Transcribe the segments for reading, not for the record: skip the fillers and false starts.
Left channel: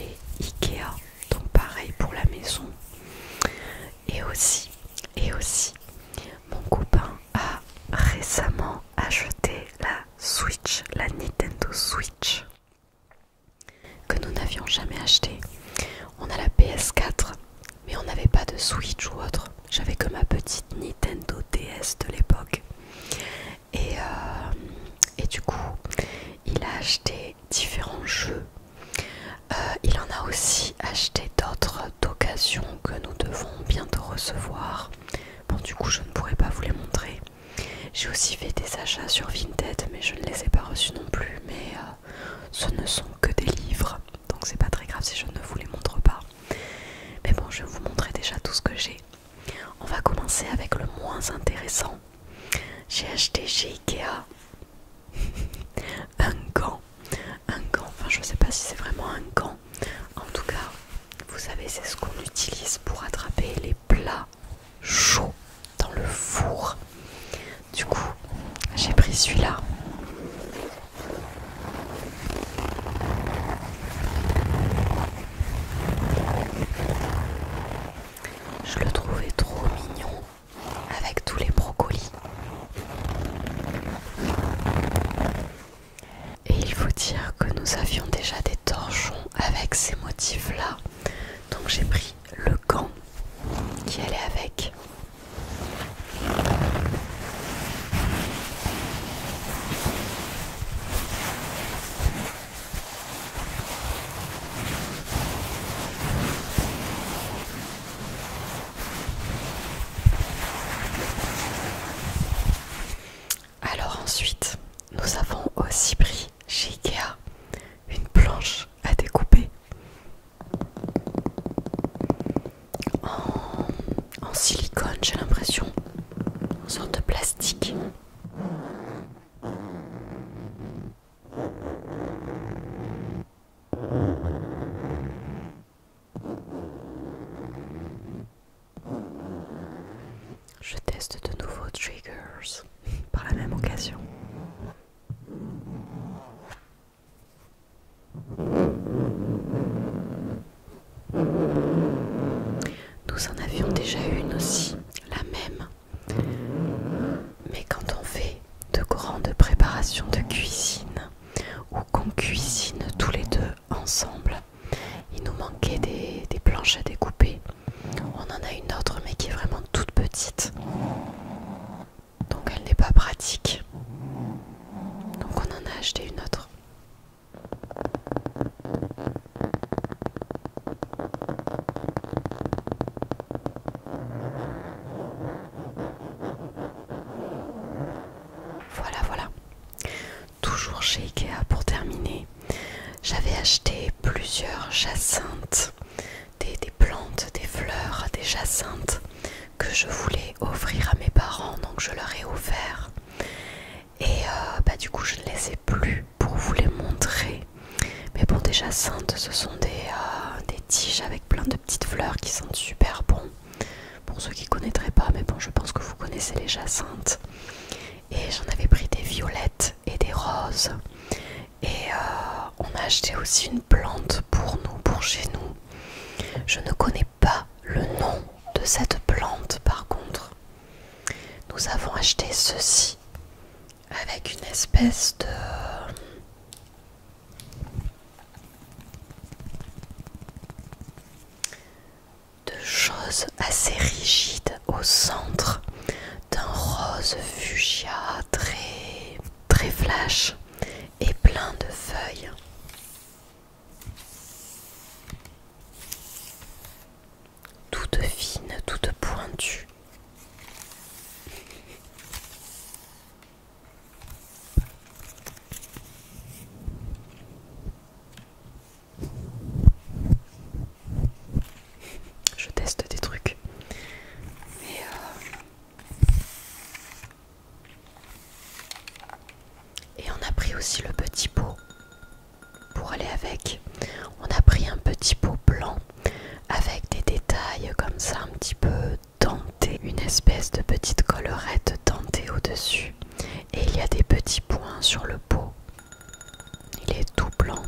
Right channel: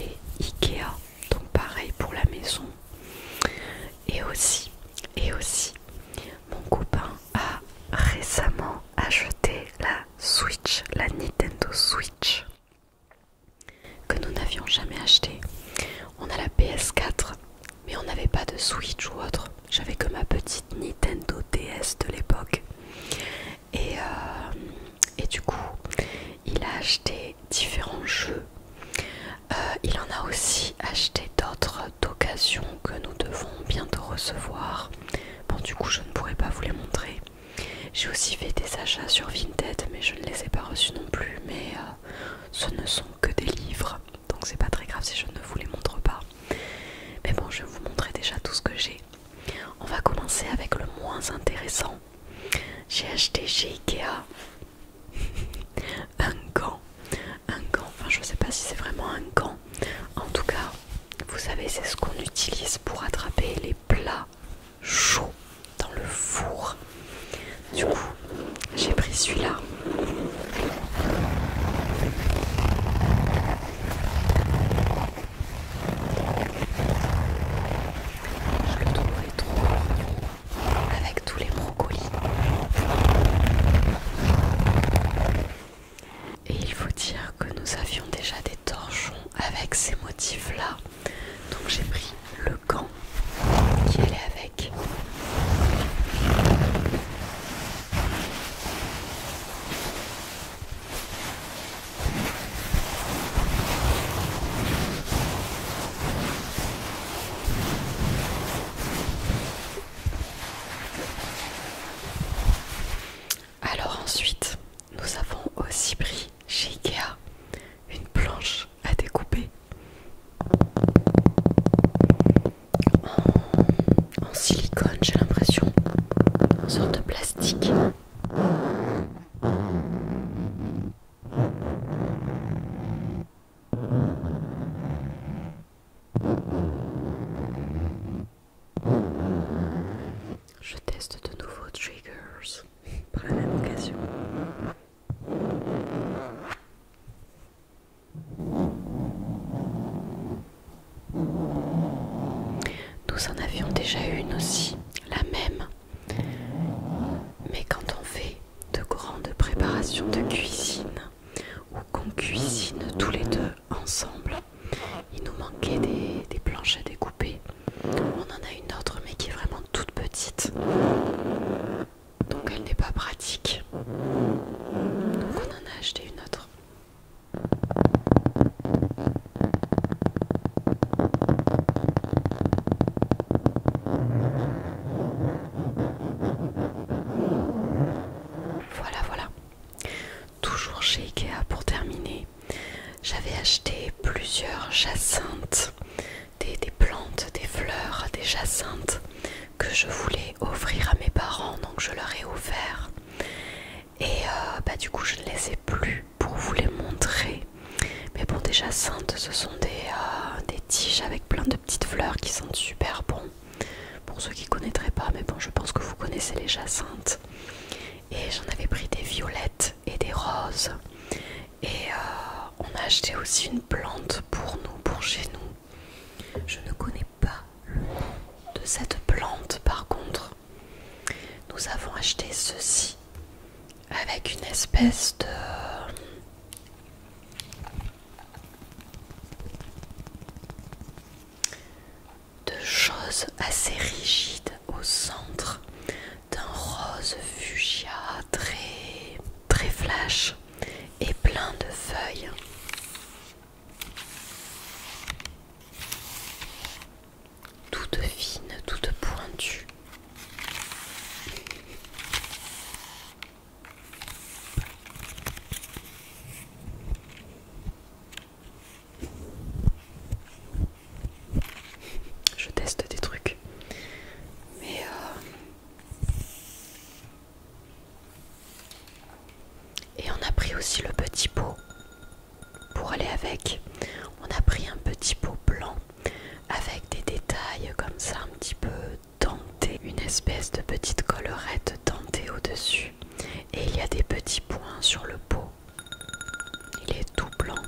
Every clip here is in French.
chez Ikea, donc pareil pour la maison. Et aussi, mon copain a récemment acheté la Switch, la Nintendo Switch, que nous n'avions jamais acheté. On a la PS4, mais on n'avait pas de Switch ou autre. J'avais que ma petite Nintendo DS de l'époque. Et du coup, il a acheté différents jeux. Il en a aussi acheté d'autres d'occasion que nous devons bientôt recevoir. Bon, du coup, je ne pourrai pas vous les montrer. J'ai aussi fait des achats sur Vinted, mais je ne les ai pas reçus non plus. Mais ce ne sont que des livres, donc c'est pas très grave si je ne vous les montre pas. Mais bon, je vais vous montrer déjà tout ce que j'ai. On va commencer avec le moins intéressant. J'ai acheté chez Ikea un gant, enfin je sais pas si c'est vraiment un gant. En tout cas, vous savez, c'est ce qu'on utilise pour attraper les plats chauds dans le four. Du coup, j'ai pris celui-là. Je le trouvais trop mignon avec tous les brocolis. Et il faut dire que nous avions déjà des torchons avec ces motifs-là. Donc j'ai pris le gant qui allait avec. Alors ensuite, nous avons aussi pris chez Ikea une planche à découper en silicone, j'ai l'impression, en sorte de plastique. Je teste de nouveaux triggers par la même occasion. Nous en avions déjà une aussi, la même. Mais quand on fait de grandes préparations de cuisine ou qu'on cuisine tous les deux ensemble, il nous manquait des planches à découper. On en a une autre mais qui est vraiment toute petite. Donc elle n'est pas pratique. Donc on en a acheté une autre. Voilà. Toujours chez Ikea pour terminer. J'avais acheté plusieurs jacinthes, des plantes, des fleurs, des jacinthes que je voulais offrir à mes parents, donc je leur ai offert. Et du coup je ne les ai plus pour vous les montrer. Mais bon, des jacinthes, ce sont des tiges avec plein de petites fleurs qui sentent super bon. Pour ceux qui ne connaîtraient pas, mais bon, je pense que vous connaissez les jacinthes. Et j'en avais pris des violettes et des roses. Et on a acheté aussi une plante pour nous, pour chez nous. Je ne connais pas le nom de cette plante par contre. Nous avons acheté ceci avec une espèce de chose assez rigide au centre d'un rose fuchsia très flash et plein de feuilles. Toutes fines, toutes pointues. Je teste des trucs. Mais et on a pris aussi le petit pot pour aller avec. On a pris un petit pot blanc avec des détails comme ça un petit peu dentés, une espèce de petite collerette dentée au-dessus. Et il y a des petits points sur le pot. Il est tout blanc,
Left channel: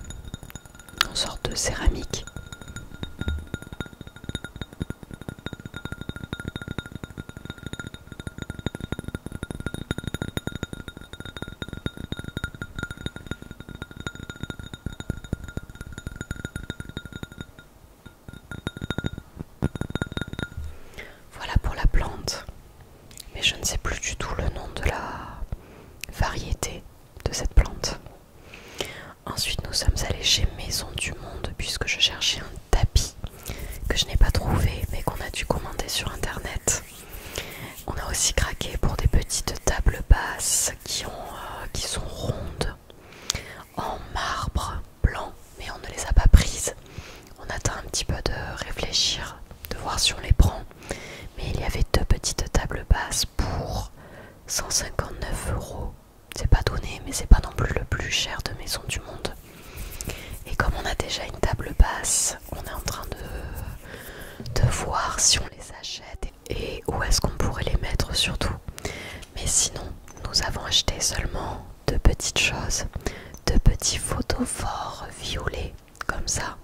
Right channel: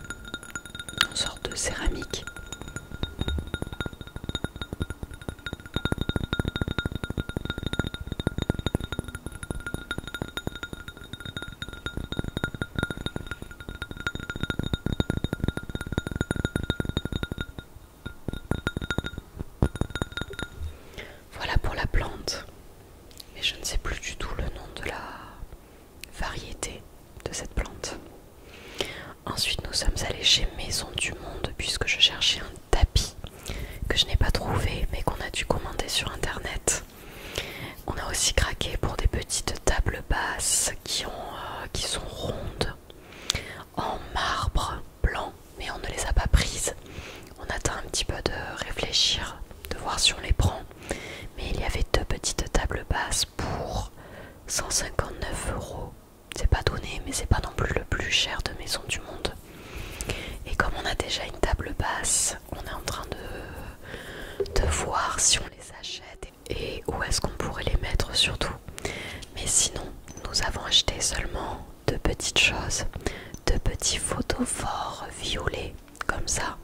en sorte de céramique. que je cherchais un tapis que je n'ai pas trouvé mais qu'on a dû commander sur internet. On a aussi craqué pour des petites tables basses qui sont rondes en marbre blanc, mais on ne les a pas prises. On attend un petit peu de réfléchir, de voir si on les prend. Mais il y avait deux petites tables basses pour 159 €. C'est pas donné, mais c'est pas non plus le plus cher de maison du monde. Et comme on a déjà une table basse, on est en train de voir si on les achète et où est-ce qu'on pourrait les mettre surtout. Mais sinon, nous avons acheté seulement deux petites choses, deux petits photophores violets comme ça,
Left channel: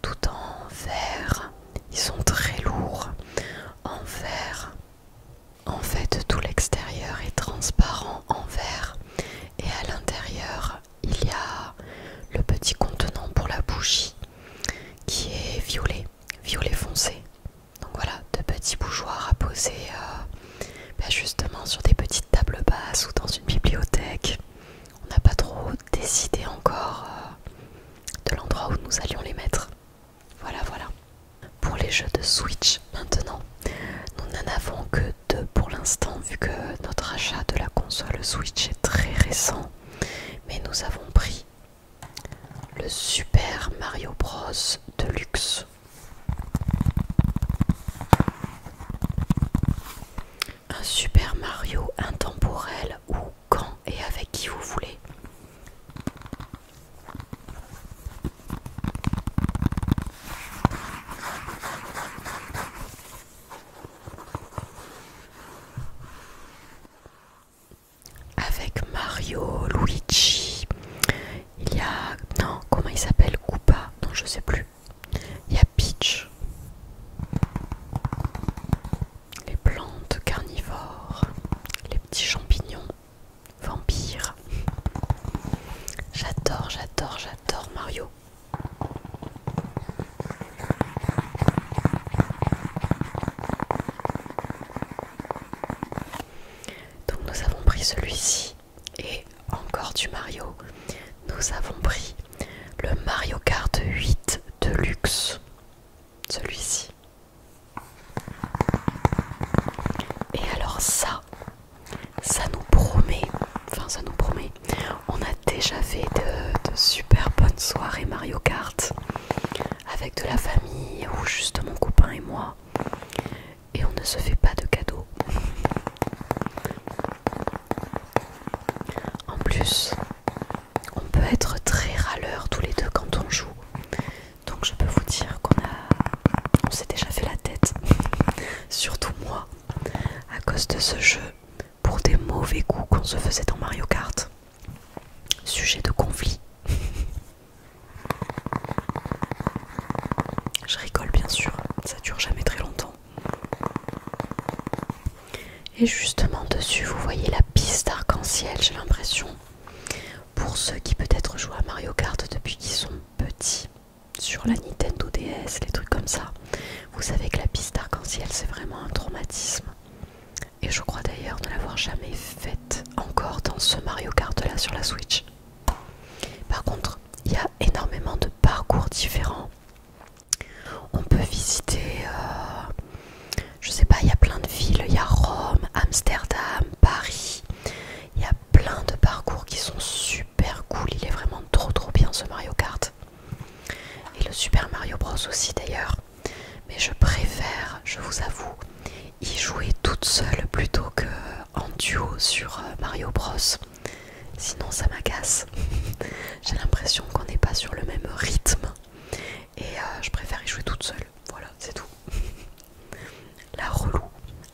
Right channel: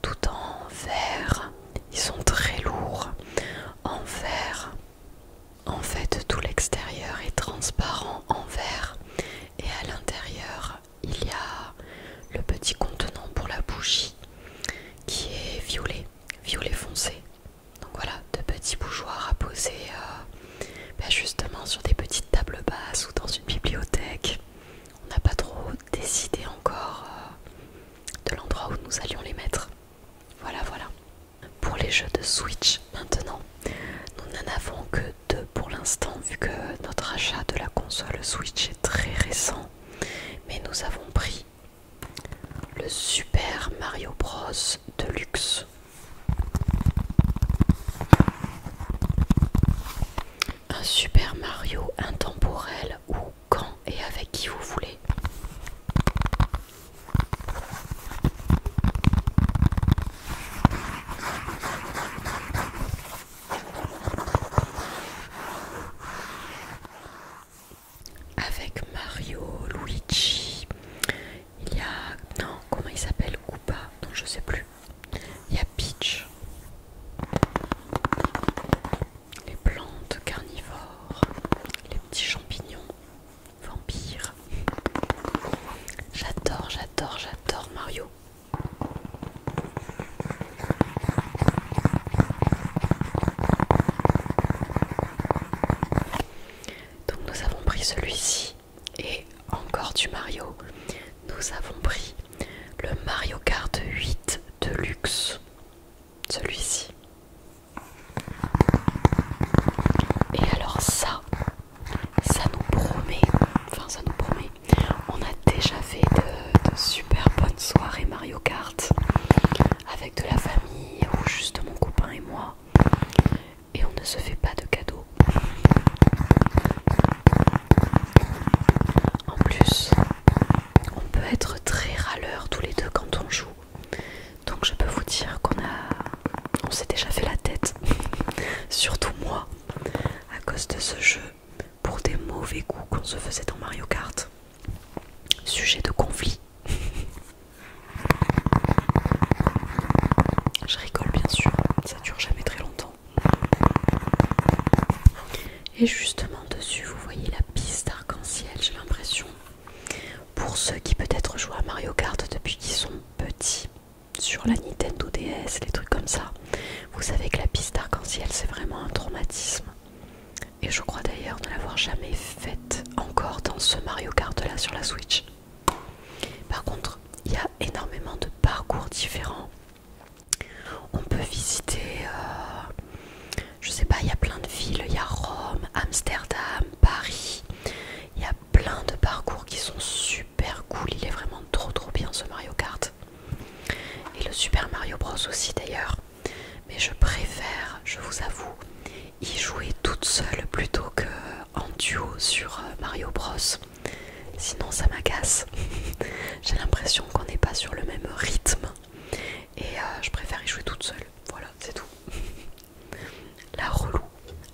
tout en verre. Ils sont très lourds en verre. En fait, tout l'extérieur est transparent en verre et à l'intérieur, il y a le petit contenant pour la bougie qui est violet foncé. Donc voilà, deux petits bougeoirs à poser justement sur des petites tables basses ou dans une bibliothèque. On n'a pas trop décidé encore de l'endroit où nous allions les mettre. Voilà. Pour les jeux de Switch maintenant, nous n'en avons que deux pour l'instant vu que notre achat de la console Switch est très récent. Mais nous avons pris le Super Mario Bros Deluxe. Un Super Mario intemporel où, quand et avec qui vous voulez. Avec Mario, Luigi, il y a... non, comment il s'appelle? Koopa? Non, je sais plus. Il y a Peach. Les plantes carnivores, les petits champignons, vampires. J'adore Mario. Donc nous avons pris celui-ci et encore du Mario. Nous avons pris le Mario Kart 8 Deluxe, celui-ci. Et alors ça nous promet, on a déjà fait de super bonnes soirées Mario Kart avec de la famille ou juste mon copain et moi, et on ne se fait pas de cadeaux. En plus, on peut être très râleurs tous les deux quand on joue, donc je peux vous dire on s'est déjà fait la tête, surtout moi, à cause de ce jeu, pour des mauvais coups qu'on se faisait dans Mario Kart. Sujet de conflit. Je rigole bien sûr, ça dure jamais très longtemps. Et justement dessus vous voyez la piste arc-en-ciel, j'ai l'impression. Pour ceux qui peut-être jouent à Mario Kart depuis qu'ils sont petits, sur la Nintendo DS, les trucs comme ça, vous savez que la piste arc-en-ciel c'est vraiment un traumatisme. Et je crois d'ailleurs ne l'avoir jamais faite encore dans ce Mario Kart là sur la Switch. Par contre, il y a énormément de parcours différents. On peut visiter, je sais pas, il y a plein de villes, il y a Rome, Amsterdam, Paris. Il y a plein de parcours qui sont super cool, il est vraiment trop bien ce Mario Kart. Et le Super Mario Bros aussi d'ailleurs. Mais je préfère, je vous avoue, y jouer toute seule plutôt que en duo sur Mario Bros. Sinon ça m'agace. J'ai l'impression qu'on n'est pas sur le même rythme. Et je préfère y jouer toute seule. Voilà, c'est tout. La relou.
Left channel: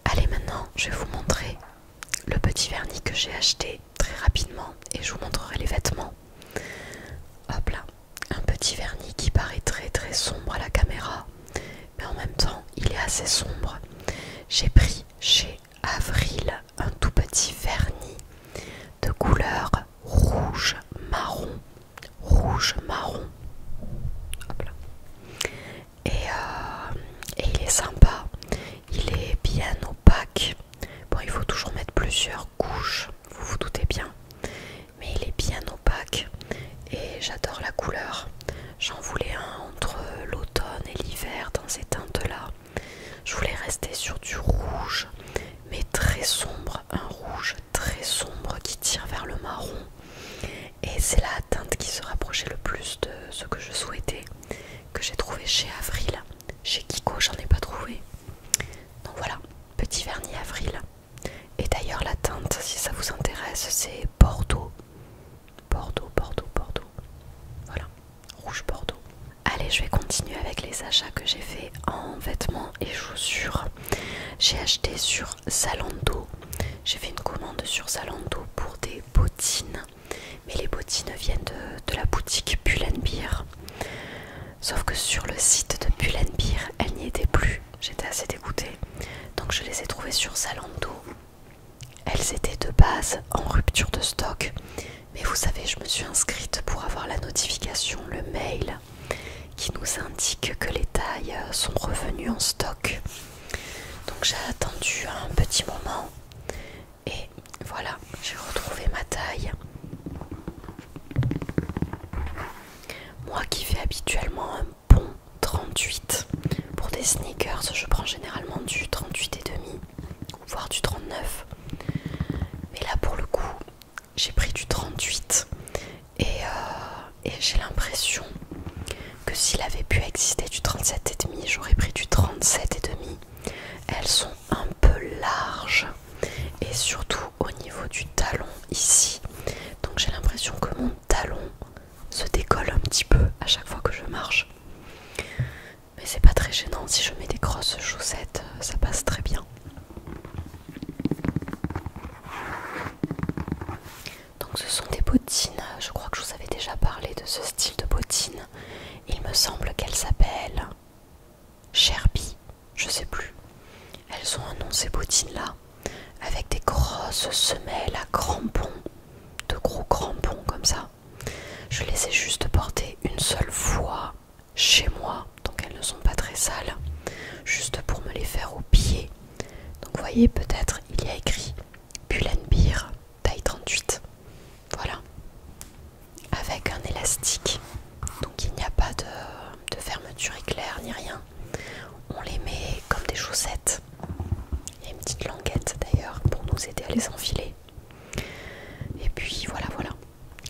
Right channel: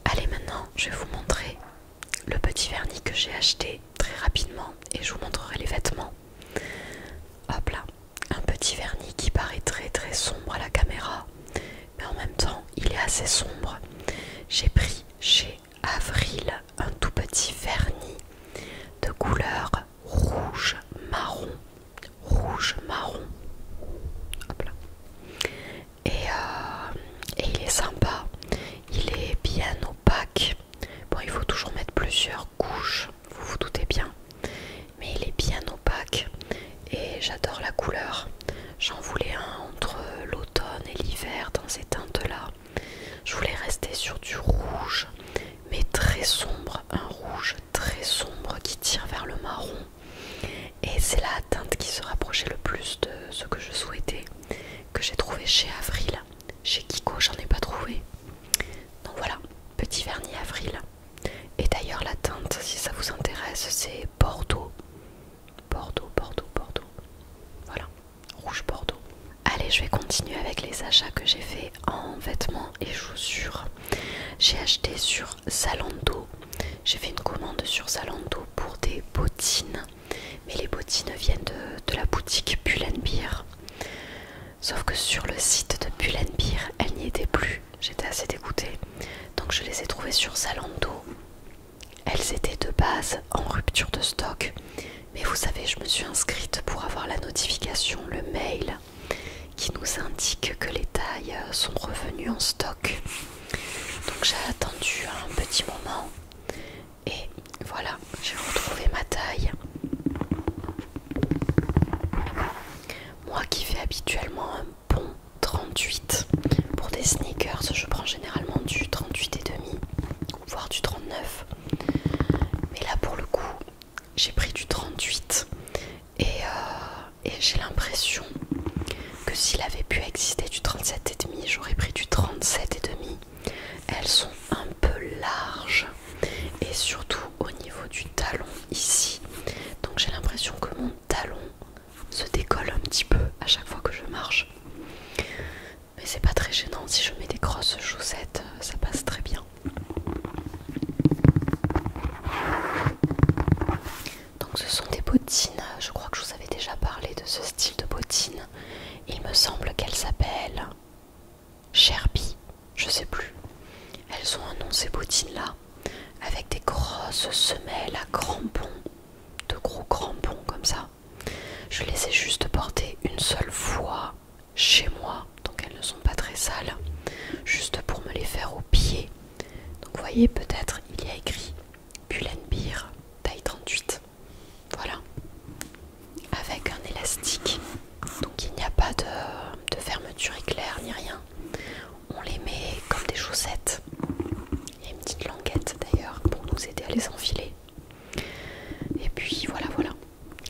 Allez, maintenant, je vais vous montrer le petit vernis que j'ai acheté très rapidement. Et je vous montrerai les vêtements. Hop là. Un petit vernis qui paraît très sombre à la caméra. Mais en même temps, il est assez sombre. J'ai pris chez Avril un tout petit vernis de couleur rouge marron. Hop là. Et il est sympa, il est bien opaque. Bon, il faut toujours mettre plusieurs couches, vous vous doutez bien, mais il est bien opaque et j'adore la couleur. J'en voulais un j'ai trouvé chez Avril. Chez Kiko, j'en ai pas trouvé. Donc voilà, petit vernis Avril. Et d'ailleurs la teinte, si ça vous intéresse, c'est Bordeaux. Bordeaux, Bordeaux, Bordeaux. Voilà, rouge Bordeaux. Allez, je vais continuer avec les achats que j'ai fait en vêtements et chaussures. J'ai acheté sur Zalando. J'ai fait une commande sur Zalando pour des bottines. Mais les bottines viennent de la boutique Pull&Bear. Sauf que sur le site de Pull&Bear, elles n'y étaient plus. J'étais assez dégoûtée. Donc je les ai trouvées sur Zalando. Elles étaient de base en rupture de stock. Mais vous savez, je me suis inscrite pour avoir la notification, le mail, qui nous indique que les tailles sont revenues en stock. Donc j'ai attendu un petit moment. Et voilà, j'ai retrouvé ma taille. Moi qui fais habituellement un bon 38 pour des sneakers, je prends généralement du 38 et demi, voire du 39. Mais là pour le coup, j'ai pris du 38 et j'ai l'impression que s'il avait pu exister du 37 et demi, j'aurais pris du 37 et demi. Elles sont un peu larges et surtout au niveau du talon ici. Donc j'ai l'impression que mon talon se décolle un petit peu à chaque fois que je marche. Mais c'est pas très gênant, si je mets des grosses chaussettes, ça passe très bien. Donc ce sont des bottines, je crois que je vous avais déjà parlé de ce style de bottines. Il me semble qu'elles s'appellent Sherby, je sais plus. Elles ont un nom ces bottines là, avec des grosses semelles à crampons, de gros crampons comme ça. Je les ai juste portées une seule fois chez moi, donc elles ne sont pas très sales, juste pour me les faire au pied. Donc vous voyez, peut-être il y a écrit Pull&Bear taille 38. Voilà, avec un élastique. Donc il n'y a pas de fermeture éclair ni rien. On les met comme des chaussettes. Il y a une petite languette d'ailleurs pour nous aider à les enfiler. Et puis voilà, voilà.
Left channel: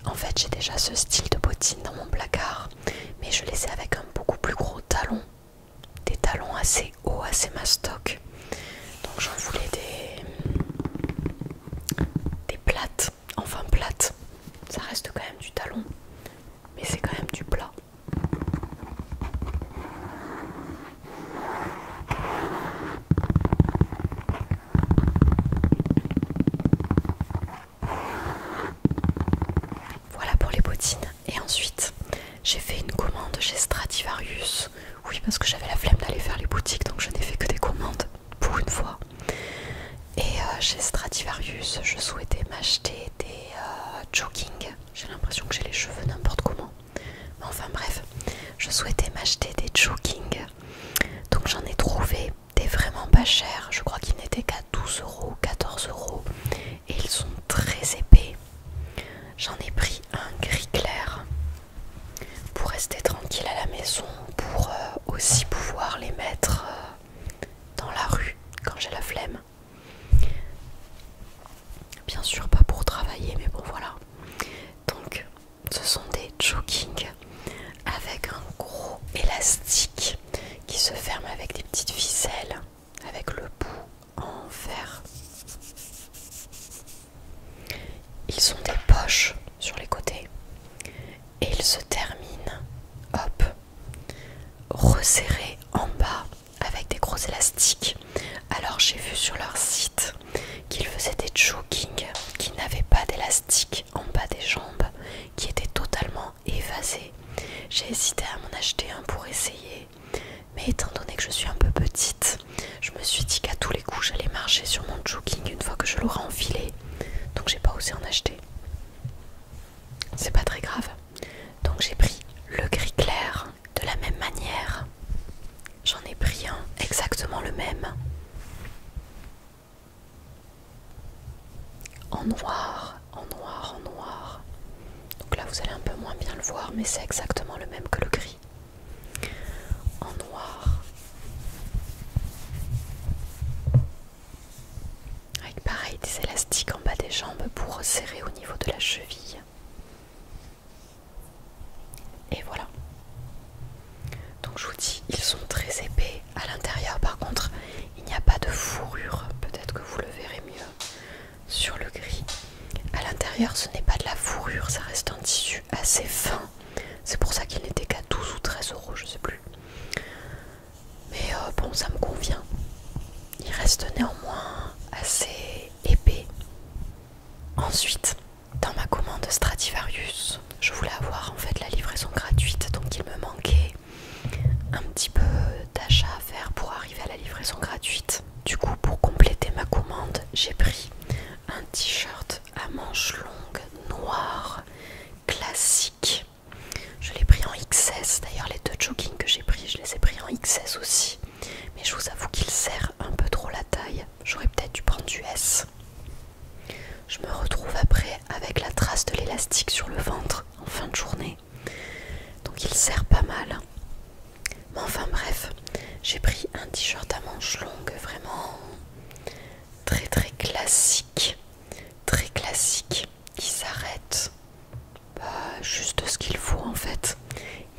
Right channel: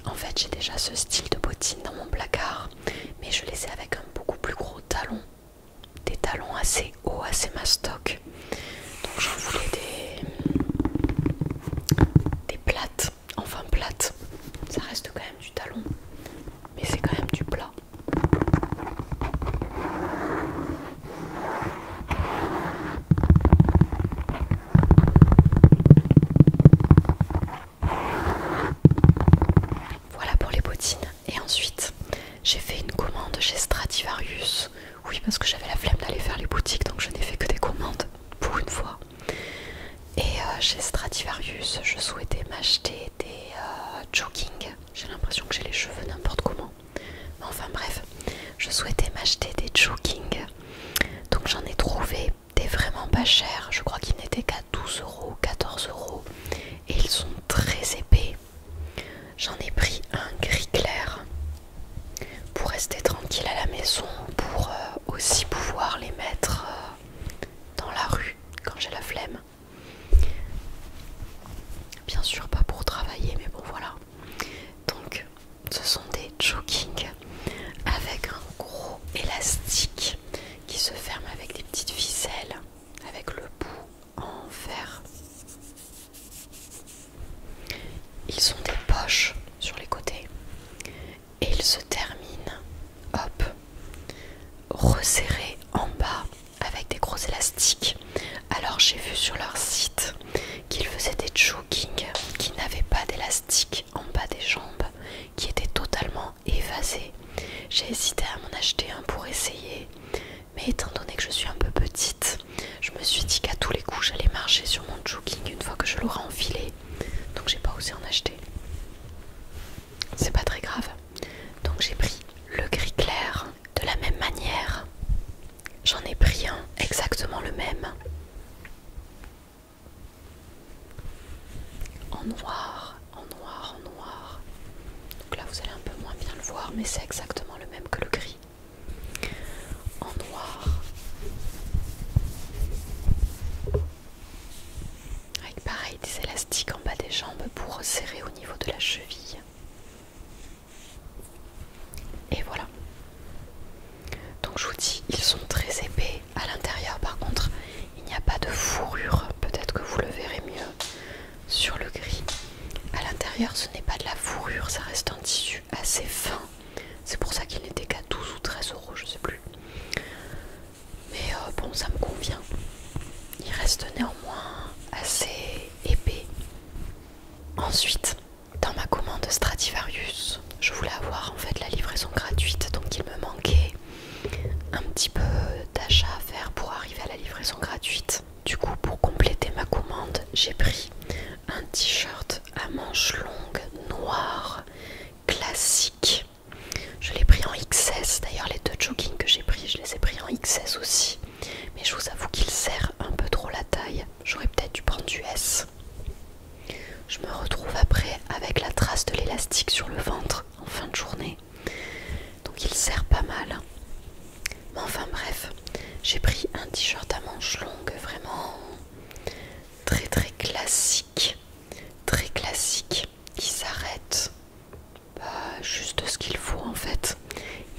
En fait, j'ai déjà ce style de bottines dans mon placard, mais je les ai avec un beaucoup plus gros talon. Des talons assez hauts, assez mastoc. Donc j'en voulais des plates, enfin plates. Ça reste quand même du talon, mais c'est quand même du plat. Voilà pour les bottines. Et ensuite, j'ai fait une commande chez Stradivarius. Oui, parce que j'avais la flemme d'aller faire les boutiques, donc je n'ai fait que des commandes pour une fois. Et chez Stradivarius, je souhaitais m'acheter des jogging. J'ai l'impression que j'ai les cheveux n'importe comment. Mais enfin bref, je souhaitais m'acheter des jogging. Donc j'en ai trouvé des vraiment pas chers. Je crois qu'ils n'étaient qu'à 12 €, 14 €. Et ils sont très épais. J'en ai pris un gris clair pour rester tranquille à la maison, pour aussi pouvoir les mettre dans la rue quand j'ai la flemme. Bien sûr pas pour travailler, mais bon voilà. Donc ce sont des jogging avec un gros élastique qui se ferme avec des petites ficelles, avec le bout en fer. Ils ont des poches sur les côtés et ils se terminent, hop, resserrés en bas avec des gros élastiques. Alors j'ai vu sur leur site qu'ils faisaient des jogging qui n'avaient pas d'élastique en bas des jambes, qui étaient totalement évasés. J'ai hésité à m'en acheter un pour essayer, mais étant donné que je suis un peu petite, je me suis dit qu'à tous les coups j'allais marcher sur mon jogging une fois que je l'aurai enfilé, donc j'ai pas osé en acheter. C'est pas très grave. Donc j'ai pris le gris clair de la même manière. J'en ai pris un exactement le même en noir, en noir, en noir. Donc là vous allez un peu moins bien le voir, mais c'est exactement le même que le gris. En noir. Avec pareil des élastiques en bas des jambes pour resserrer au niveau de la cheville. Et voilà. Donc Donc je vous dis, ils sont très épais. À l'intérieur par contre, il n'y a pas de fourrure. Peut-être que vous le verrez mieux sur le gris. À l'intérieur, ce n'est pas de la fourrure, ça reste un tissu assez fin. C'est pour ça qu'il n'était qu'à 12 ou 13 euros, je sais plus. Mais bon, ça me convient. Il reste néanmoins assez épais. Ensuite, dans ma commande Stradivarius, je voulais avoir en fait la livraison gratuite, donc il me manquait un petit peu d'achat à faire pour arriver à la livraison gratuite. Du coup, pour compléter ma commande, j'ai pris un t-shirt à manches longues noir classique. Je l'ai pris en XS, d'ailleurs les 2 joggings que j'ai pris, je les ai pris en XS aussi. Mais je vous avoue qu'il serre un peu trop la taille, j'aurais peut-être dû prendre du S. Je me retrouve après avec la trace de l'élastique sur le ventre en fin de journée. Donc il serre pas mal. Mais enfin bref, j'ai pris un t-shirt à manches longues vraiment très très classique. Très classique, qui s'arrête juste ce qu'il faut en fait.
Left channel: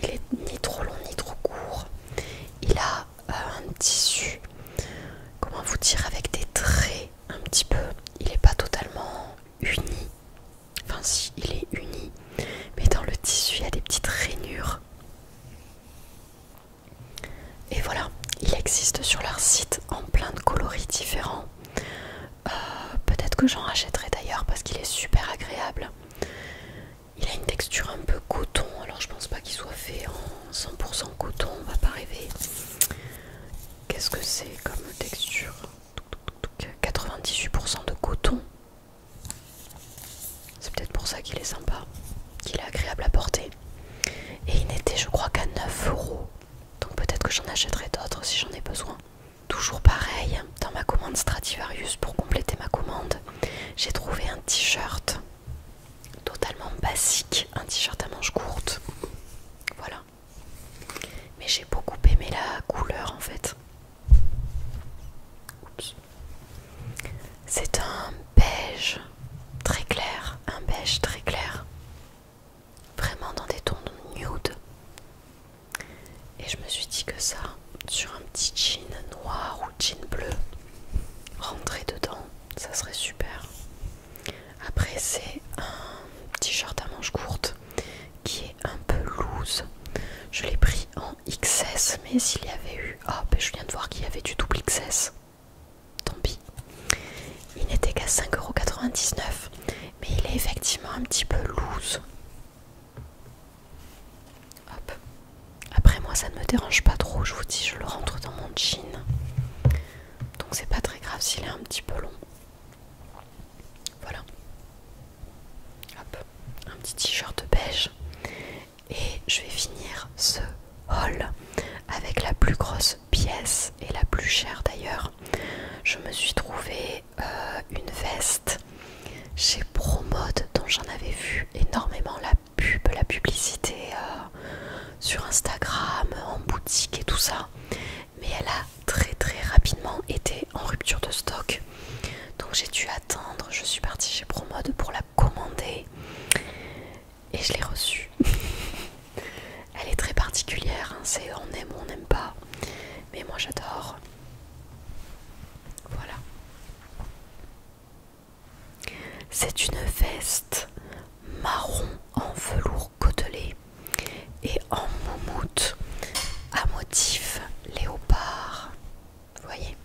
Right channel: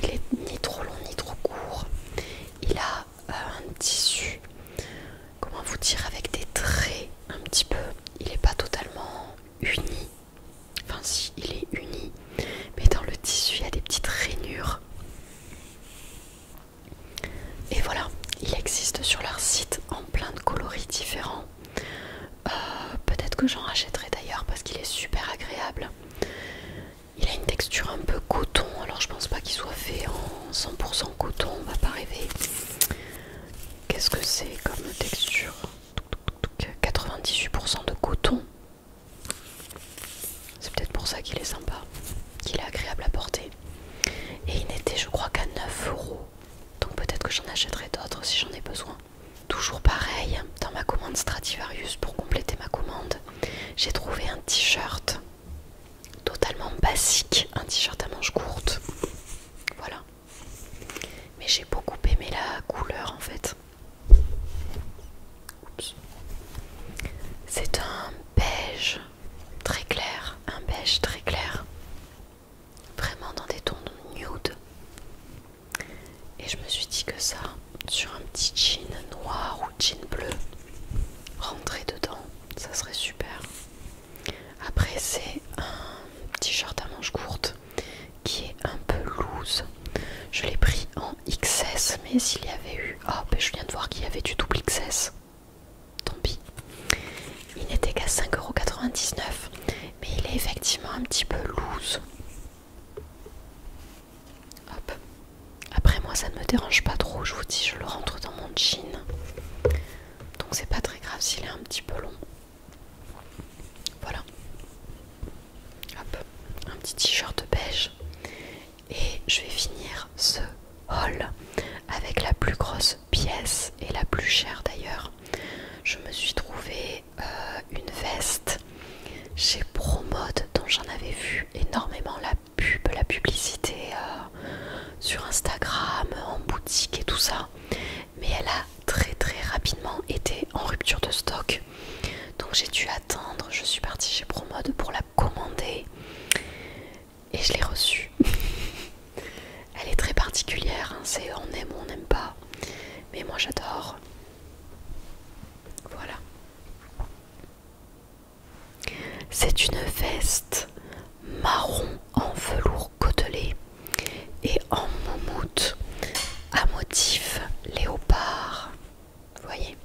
Il est ni trop long ni trop court. Il a un tissu, comment vous dire, avec des traits un petit peu. Il n'est pas totalement uni. Enfin si, il est uni. Mais dans le tissu, il y a des petites rainures. Et voilà, il existe sur leur site en plein de coloris différents. Peut-être que j'en rachèterai d'ailleurs parce qu'il est super agréable. Il a une texture un peu coton, alors je pense pas qu'il soit fait en 100% coton, on va pas rêver. Qu'est-ce que c'est comme texture? 98% de coton. C'est peut-être pour ça qu'il est sympa, qu'il est agréable à porter. Et il n'était je crois qu'à 9 euros. Donc peut-être que j'en achèterai d'autres si j'en ai besoin. Toujours pareil, dans ma commande Stradivarius, pour compléter ma commande, j'ai trouvé un t-shirt totalement basique, un t-shirt à manches courtes. Voilà. Mais j'ai beaucoup aimé la couleur en fait. Oups. C'est un beige très clair, un beige très clair. Vraiment dans des tons nude. Et je me suis dit que ça, sur un petit jean noir ou jean bleu, rentrer dedans, ça serait super. Après c'est un t-shirt à manches courtes qui est un peu loose. Je l'ai pris en XS, mais s'il y avait eu... Oh, ben je viens de voir qu'il y avait du double XS. Tant pis. Il n'était qu'à 5,99 €, mais il est effectivement un petit peu loose. Hop. Après moi ça ne me dérange pas trop, je vous dis, je le rentre dans mon jean. Donc c'est pas très grave s'il est un petit peu long. Voilà. Hop. Un petit t-shirt beige. Et je vais finir ce haul avec la plus grosse pièce et la plus chère d'ailleurs. Je me suis trouvé une veste chez Promode dont j'en avais vu énormément la publicité sur Instagram, en boutique et tout ça. Mais elle a très très rapidement été en rupture de stock. Donc j'ai dû attendre, je suis partie chez Promode pour la commander. Et je l'ai reçue. Elle est très particulière, hein. C'est on aime ou on n'aime pas. Mais moi j'adore. Voilà. C'est une veste marron en velours côtelé et en moumoute à motif léopard. Vous voyez,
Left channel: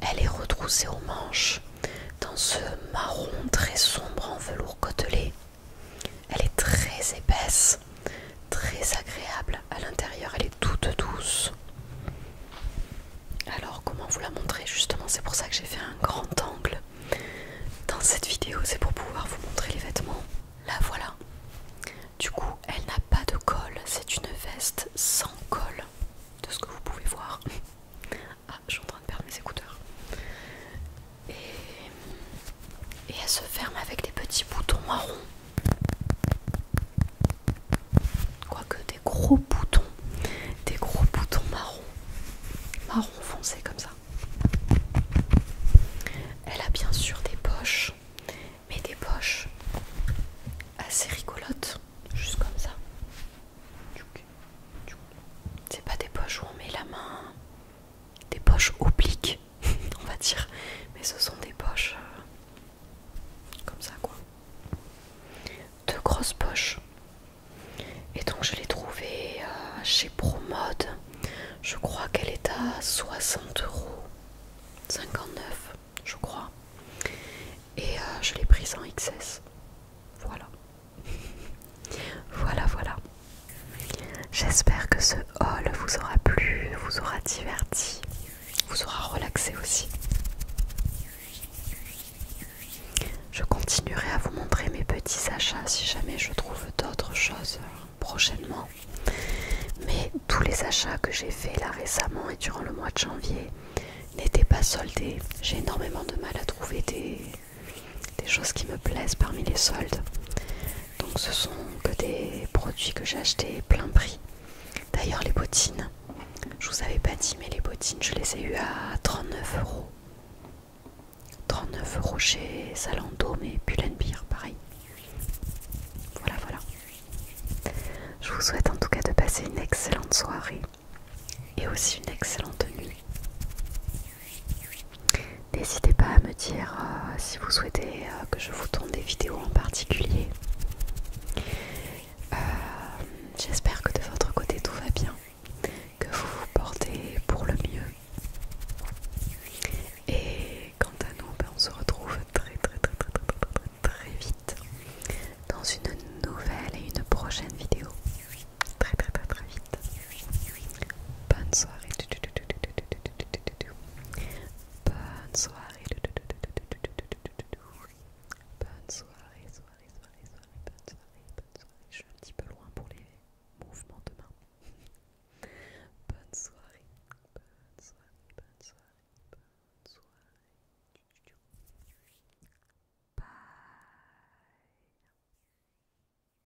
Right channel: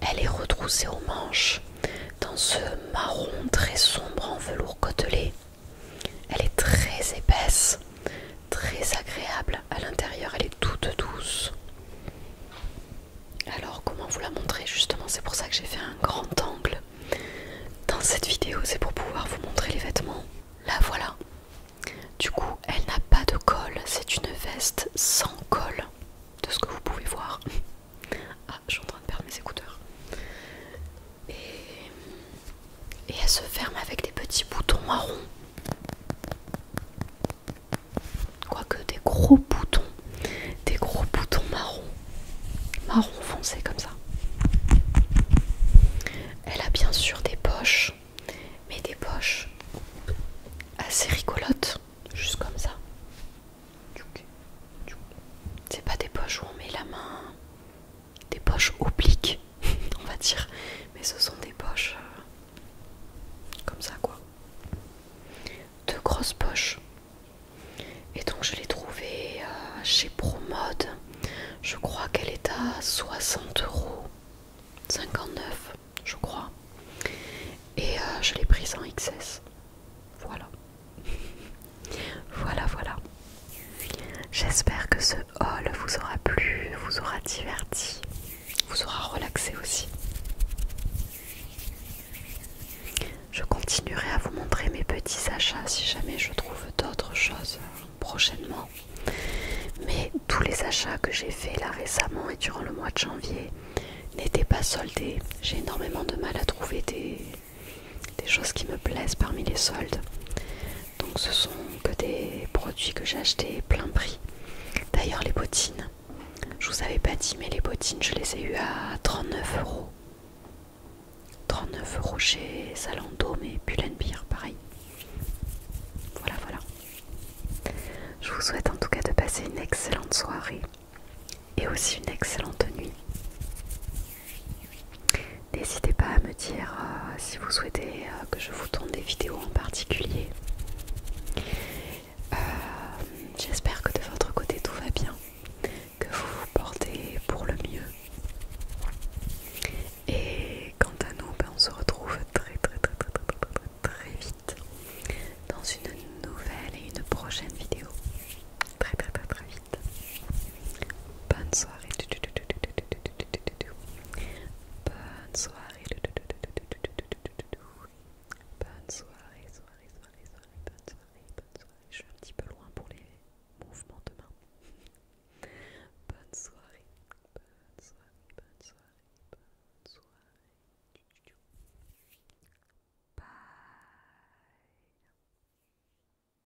elle est retroussée aux manches dans ce marron très sombre en velours côtelé. Elle est très épaisse, très agréable. À l'intérieur, elle est toute douce. Alors, comment vous la montrer? Justement, c'est pour ça que j'ai fait un grand angle dans cette vidéo. C'est pour pouvoir vous montrer les vêtements. Là, voilà. Du coup, elle n'a pas de col. C'est une veste sans col, de ce que vous pouvez voir. Ah, je suis en train de perdre mes écouteurs. Et elle se ferme avec des petits boutons marrons. Quoique des gros boutons marron foncé comme ça. Elle a bien sûr des poches, mais des poches assez rigolotes, juste comme ça. C'est pas poches où on met la main, des poches obliques, on va dire, mais ce sont des poches comme ça quoi. Deux grosses poches. Et donc je l'ai trouvée chez Promode. Je crois qu'elle est à 60 €, 59 je crois. Et je l'ai prise en XS. Voilà. Voilà. J'espère que ce haul vous aura plu, vous aura diverti, vous aura relaxé aussi. Je continuerai à vous montrer mes petits achats si jamais je trouve d'autres choses prochainement. Mais tous les achats que j'ai faits là récemment et durant le mois de janvier n'étaient pas soldés. J'ai énormément de mal à trouver des choses qui me plaisent parmi les soldes. Donc ce sont que des produits que j'ai achetés plein prix. D'ailleurs les bottines, je vous avais pas dit mais les bottines je les ai eues à 39 €. 39 € chez Zalando mais Pull&Bear pareil. Voilà. Je vous souhaite en tout cas de passer une excellente soirée et aussi une excellente nuit. N'hésitez pas à me dire si vous souhaitez que je vous tourne des vidéos en particulier.